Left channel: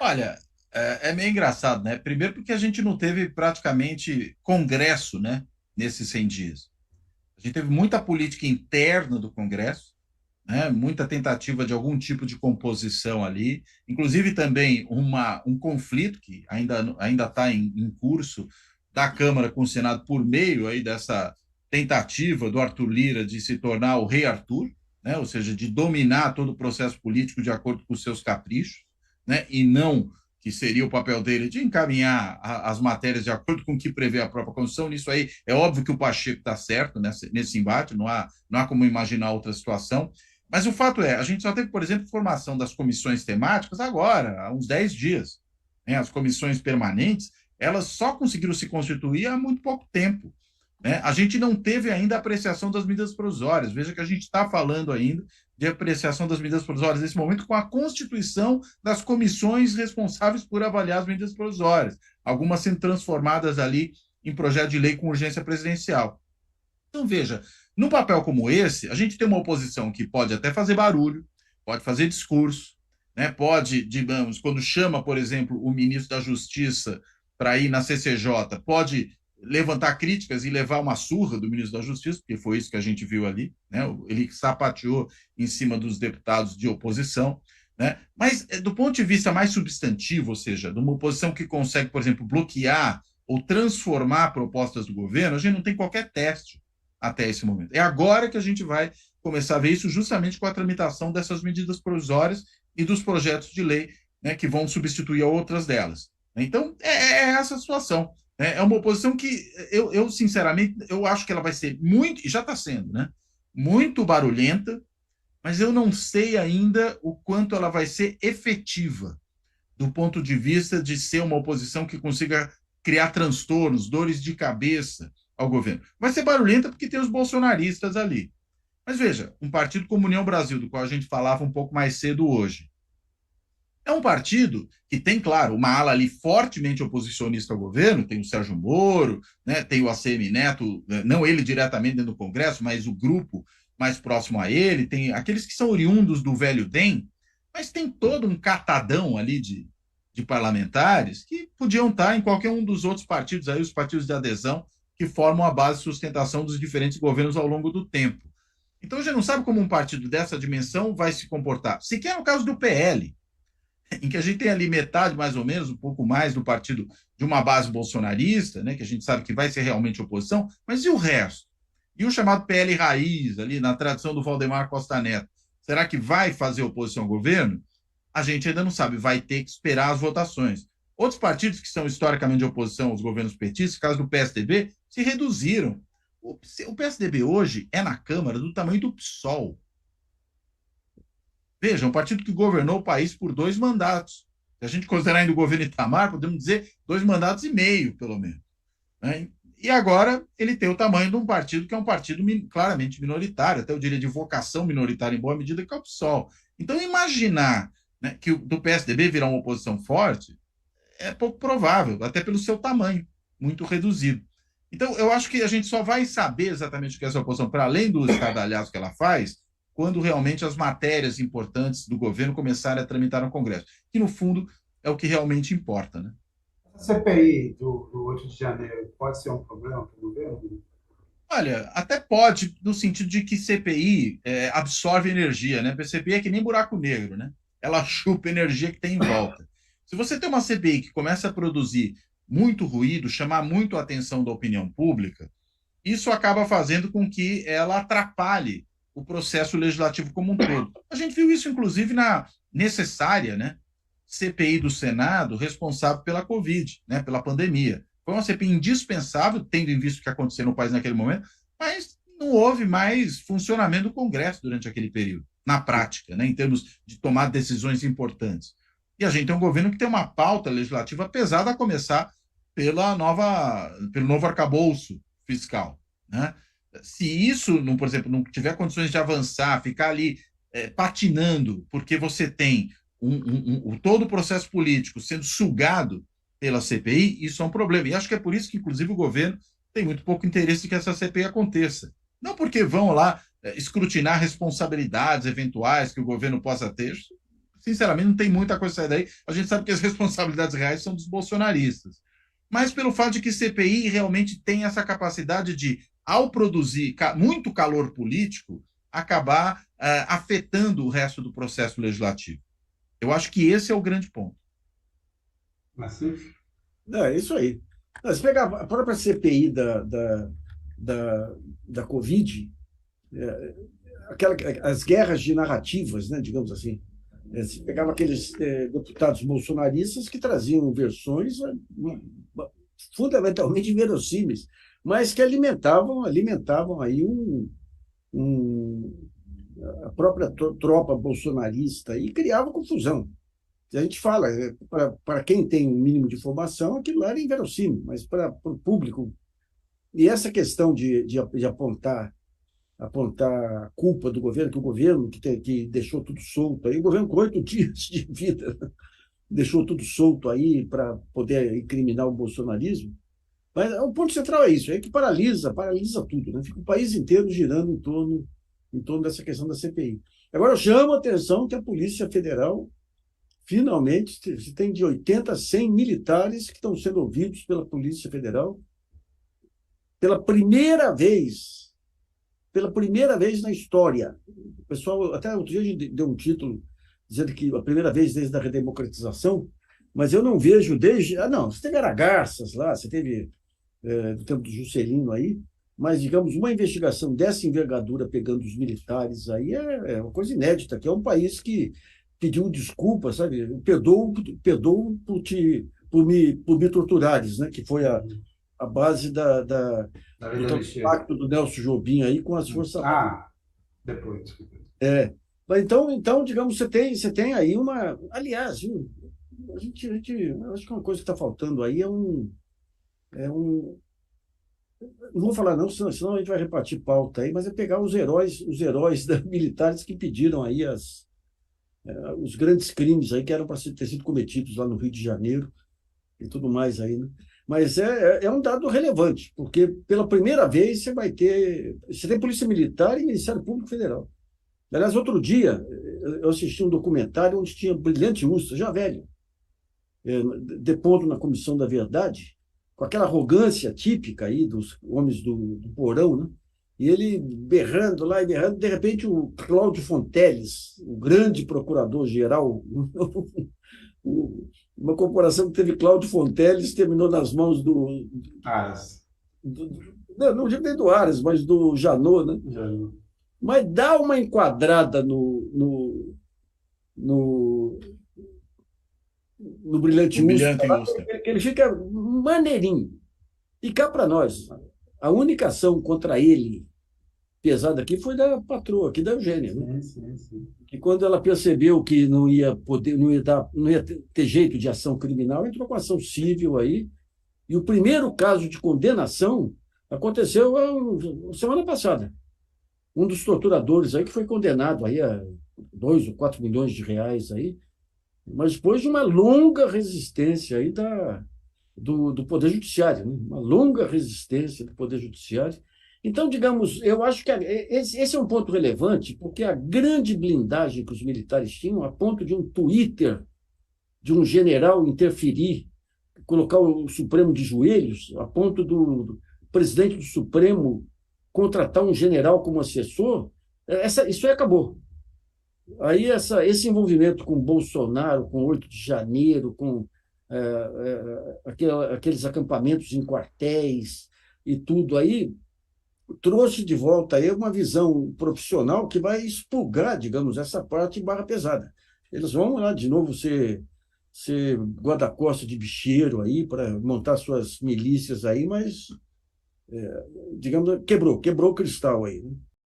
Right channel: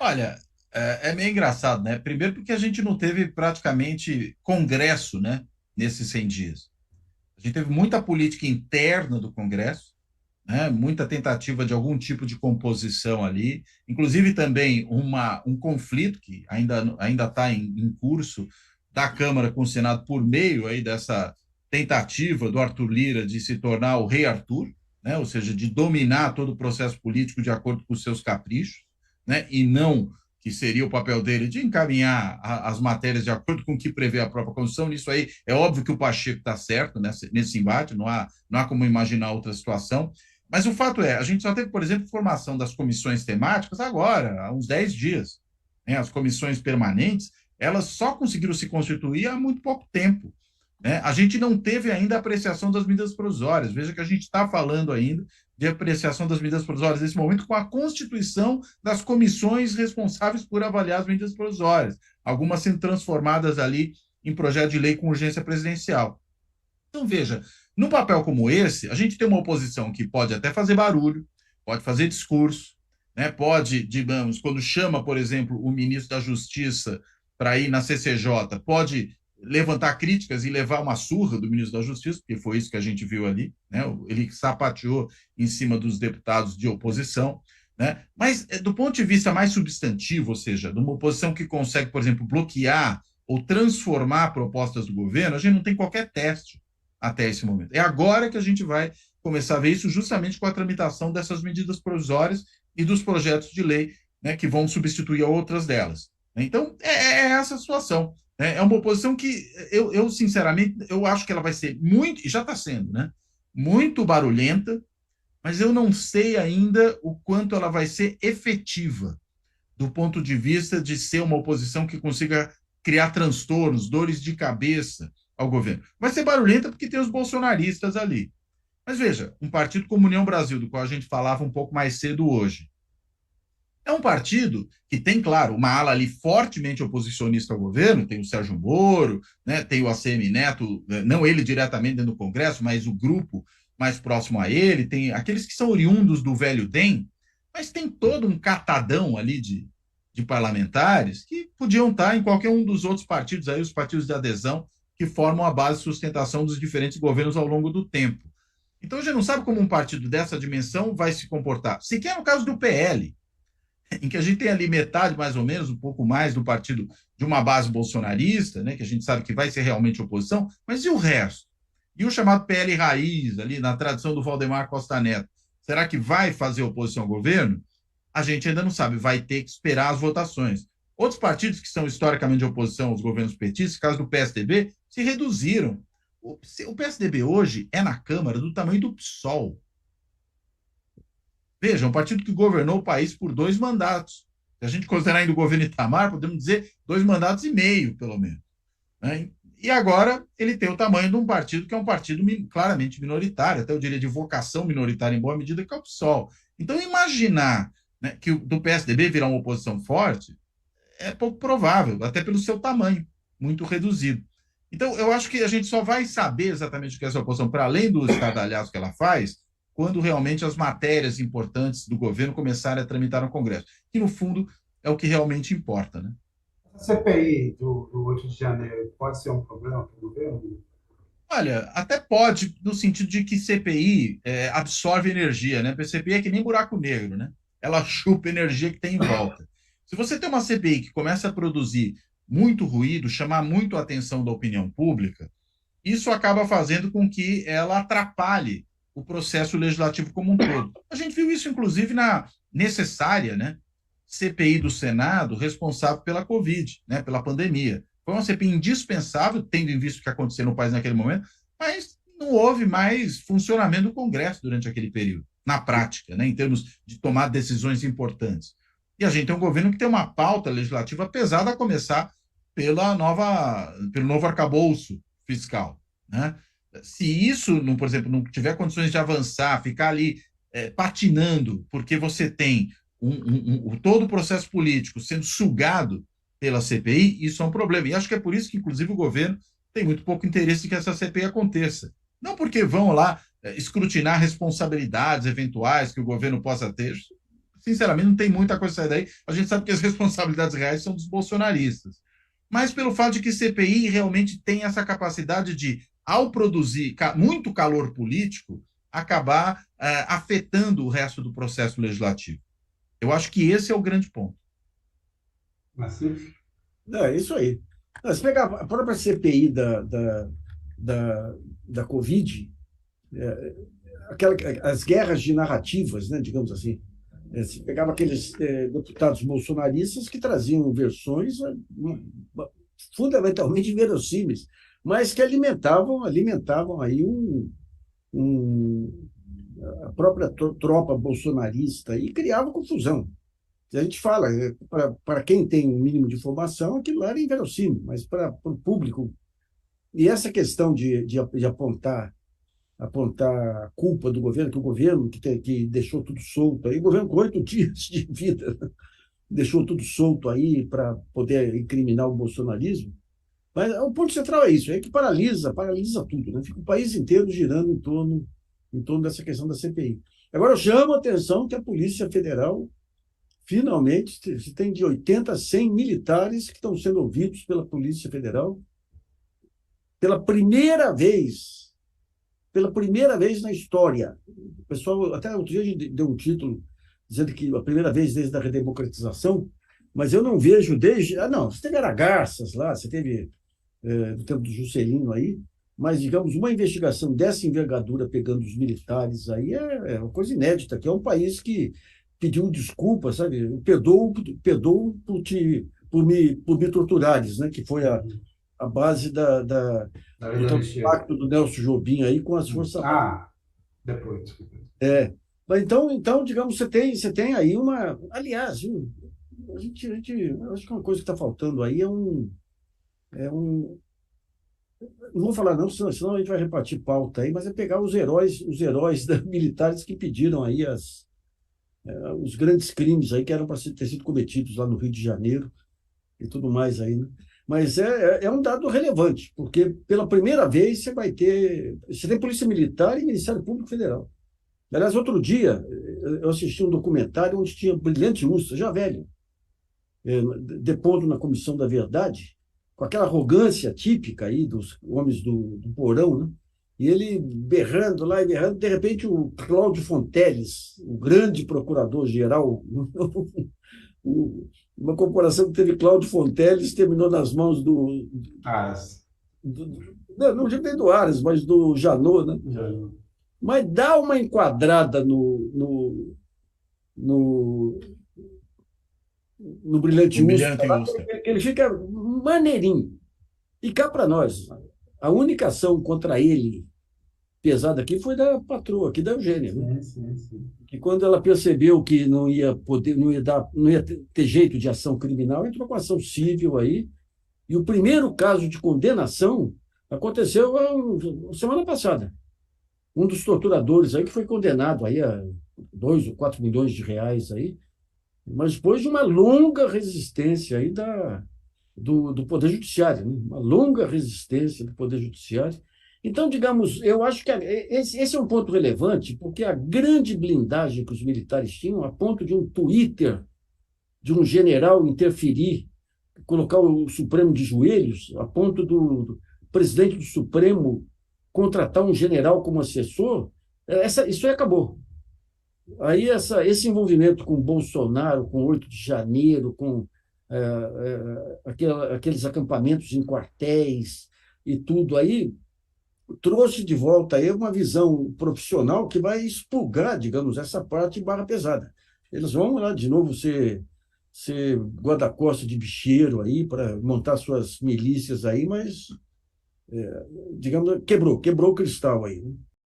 Olha, é meio engraçado, né? Primeiro porque a gente não teve praticamente congresso, né, nesses 100 dias. A gente teve muita política interna do Congresso, né? Muita tentativa de algum tipo de composição ali, inclusive também um conflito que ainda está em curso da Câmara com o Senado por meio aí dessa tentativa do Arthur Lira de se tornar o rei Arthur, né? Ou seja, de dominar todo o processo político de acordo com os seus caprichos, né? E não que seria o papel dele de encaminhar as matérias de acordo com o que prevê a própria Constituição. Nisso aí, é óbvio que o Pacheco está certo nesse embate, não há como imaginar outra situação. Mas o fato é, a gente só teve, por exemplo, formação das comissões temáticas agora, há uns 10 dias. Né? As comissões permanentes, elas só conseguiram se constituir há muito pouco tempo. Né? A gente não teve ainda a apreciação das medidas provisórias. Veja que a gente está falando ainda de apreciação das medidas provisórias nesse momento com a constituição das comissões responsáveis por avaliar as medidas provisórias, algumas sendo transformadas ali em projeto de lei com urgência presidencial. Então, veja, num papel como esse, a gente tem uma oposição que pode até fazer barulho, pode fazer discurso, né? Pode, digamos, quando chama, por exemplo, o ministro da Justiça para ir na CCJ, pode levantar críticas e levar uma surra do ministro da Justiça, porque foi isso que a gente viu ali, né? Ele sapateou em cima dos deputados de oposição, né? Mas do ponto de vista mais substantivo, ou seja, de uma oposição que consegue, por exemplo, bloquear ou transformar propostas do governo, a gente não tem qualquer teste até esse momento. É agora que a gente vai começar a ver isso justamente com a tramitação dessas medidas provisórias e dos projetos de lei, né, que vão substituir outras delas. Então, é essa a situação. Né? É uma oposição que sinceramente, eu acho que ela vai ser muito, e já está sendo, né, muito barulhenta, mas eu não sei ainda o quanto ela vai ser efetiva do ponto de vista de ser uma oposição que consiga criar transtornos, dores de cabeça ao governo. Vai ser barulhenta porque tem os bolsonaristas ali. Mas veja, um partido como União Brasil, do qual a gente falava um pouco mais cedo hoje, é um partido que tem, claro, uma ala ali fortemente oposicionista ao governo, tem o Sérgio Moro, né, tem o ACM Neto, não ele diretamente dentro do Congresso, mas o grupo mais próximo a ele, tem aqueles que são oriundos do velho DEM, mas tem todo um catadão ali de parlamentares que podiam estar em qualquer um dos outros partidos, aí os partidos de adesão, que formam a base de sustentação dos diferentes governos ao longo do tempo. Então, a gente não sabe como um partido dessa dimensão vai se comportar. Sequer no caso do PL, em que a gente tem ali metade, mais ou menos, um pouco mais do partido de uma base bolsonarista, né, que a gente sabe que vai ser realmente oposição, mas e o resto? E o chamado PL Raiz, ali na tradição do Valdemar Costa Neto, será que vai fazer oposição ao governo? A gente ainda não sabe, vai ter que esperar as votações. Outros partidos que são historicamente de oposição aos governos petistas, caso do PSDB, se reduziram. O PSDB hoje é na Câmara do tamanho do PSOL. Veja, um partido que governou o país por 2 mandatos. Se a gente considerar ainda o governo Itamar, podemos dizer 2 mandatos e meio, pelo menos. Né? E agora ele tem o tamanho de um partido que é um partido claramente minoritário, até eu diria de vocação minoritária em boa medida, que é o PSOL. Então, imaginar, né, que do PSDB virar uma oposição forte é pouco provável, até pelo seu tamanho, muito reduzido. Então, eu acho que a gente só vai saber exatamente o que é essa oposição, para além do estardalhaço que ela faz, quando realmente as matérias importantes do governo começarem a tramitar no Congresso, que no fundo é o que realmente importa, né? A CPI do 8 de janeiro pode ser um problema para o governo? Olha, até pode, no sentido de que CPI absorve energia, né? Porque CPI é que nem buraco negro, né? Ela chupa a energia que tem em volta. Se você tem uma CPI que começa a produzir muito ruído, chamar muito a atenção da opinião pública, isso acaba fazendo com que ela atrapalhe o processo legislativo como um todo. A gente viu isso, inclusive, na necessária, né, CPI do Senado responsável pela Covid, né, pela pandemia. Foi uma CPI indispensável, tendo em vista o que aconteceu no país naquele momento, mas não houve mais funcionamento do Congresso durante aquele período, na prática, né, em termos de tomar decisões importantes. E a gente tem um governo que tem uma pauta legislativa pesada, a começar pelo novo arcabouço fiscal. Né? Se isso, não, por exemplo, não tiver condições de avançar, ficar ali patinando, porque você tem todo o processo político sendo sugado pela CPI, isso é um problema. E acho que é por isso que, inclusive, o governo tem muito pouco interesse de que essa CPI aconteça. Não porque vão lá escrutinar responsabilidades eventuais que o governo possa ter. sinceramente, não tem muita coisa a sair daí. A gente sabe que as responsabilidades reais são dos bolsonaristas. Mas pelo fato de que CPI realmente tem essa capacidade de, ao produzir muito calor político, acabar afetando o resto do processo legislativo. Eu acho que esse é o grande ponto. Assim, Não, é isso aí. Não, se pegar a própria CPI da, da Covid, as guerras de narrativas, né, digamos assim. Se pegava aqueles deputados bolsonaristas que traziam versões fundamentalmente inverossímeis, mas que alimentavam aí um, a própria tropa bolsonarista e criavam confusão. A gente fala, para quem tem um mínimo de informação, aquilo lá era inverossímil, mas para o público. E essa questão de apontar a culpa do governo, que o governo que deixou tudo solto aí, o governo com 8 dias de vida deixou tudo solto aí para poder incriminar o bolsonarismo. Mas o ponto central é isso, é que paralisa tudo, né? Fica o país inteiro girando em torno dessa questão da CPI. Agora, eu chamo a atenção que a Polícia Federal, finalmente, se tem de 80 a 100 militares que estão sendo ouvidos pela Polícia Federal pela primeira vez na história. O pessoal, até outro dia a gente deu um título dizendo que a primeira vez desde a redemocratização, mas eu não vejo desde... não, você teve Aragarças lá, você teve do tempo do Juscelino aí, mas, digamos, uma investigação dessa envergadura pegando os militares aí é uma coisa inédita, que é um país que pediu desculpa, sabe? Perdoou por me torturares, né? Que foi a base do pacto do Nelson Jobim aí com as Forças Armadas. depois. Mas então, digamos, você tem aí uma... Aliás, eu acho que uma coisa que está faltando aí não vou falar não, senão a gente vai repartir pauta aí, mas é pegar os heróis militares que pediram aí os grandes crimes aí que eram para ter sido cometidos lá no Rio de Janeiro e tudo mais aí, né? Mas é um dado relevante, porque pela primeira vez você tem Polícia Militar e Ministério Público Federal. Aliás, outro dia eu assisti um documentário onde tinha Brilhante Ustra, já velho, depondo na Comissão da Verdade, com aquela arrogância típica aí dos homens do porão, né? E ele berrando lá e berrando, de repente o Cláudio Fonteles, o grande procurador-geral, uma corporação que teve Cláudio Fonteles, terminou nas mãos não digo nem do Aras, mas do Janot, né? Mas dá uma enquadrada no Brilhante Ustra, que ele fica maneirinho. E cá para nós, a única ação contra ele pesada aqui foi da patroa, aqui da Eugênia, né? Sim. Que quando ela percebeu que não ia ter jeito de ação criminal, entrou com ação civil aí. E o primeiro caso de condenação aconteceu semana passada. Um dos torturadores aí que foi condenado aí a 2 ou 4 milhões de reais aí, mas depois de uma longa resistência aí do Poder Judiciário, né? Uma longa resistência do Poder Judiciário. Então, digamos, eu acho que esse é um ponto relevante, porque a grande blindagem que os militares tinham, a ponto de um Twitter de um general interferir, colocar o Supremo de joelhos, a ponto do presidente do Supremo contratar um general como assessor, isso aí acabou. Aí esse envolvimento com Bolsonaro, com 8 de janeiro, com aqueles acampamentos em quartéis e tudo aí, trouxe de volta aí uma visão profissional que vai expurgar, digamos, essa parte barra pesada. Eles vão lá de novo ser guarda-costas de bicheiro aí para montar suas milícias aí, mas, digamos, quebrou o cristal aí, né?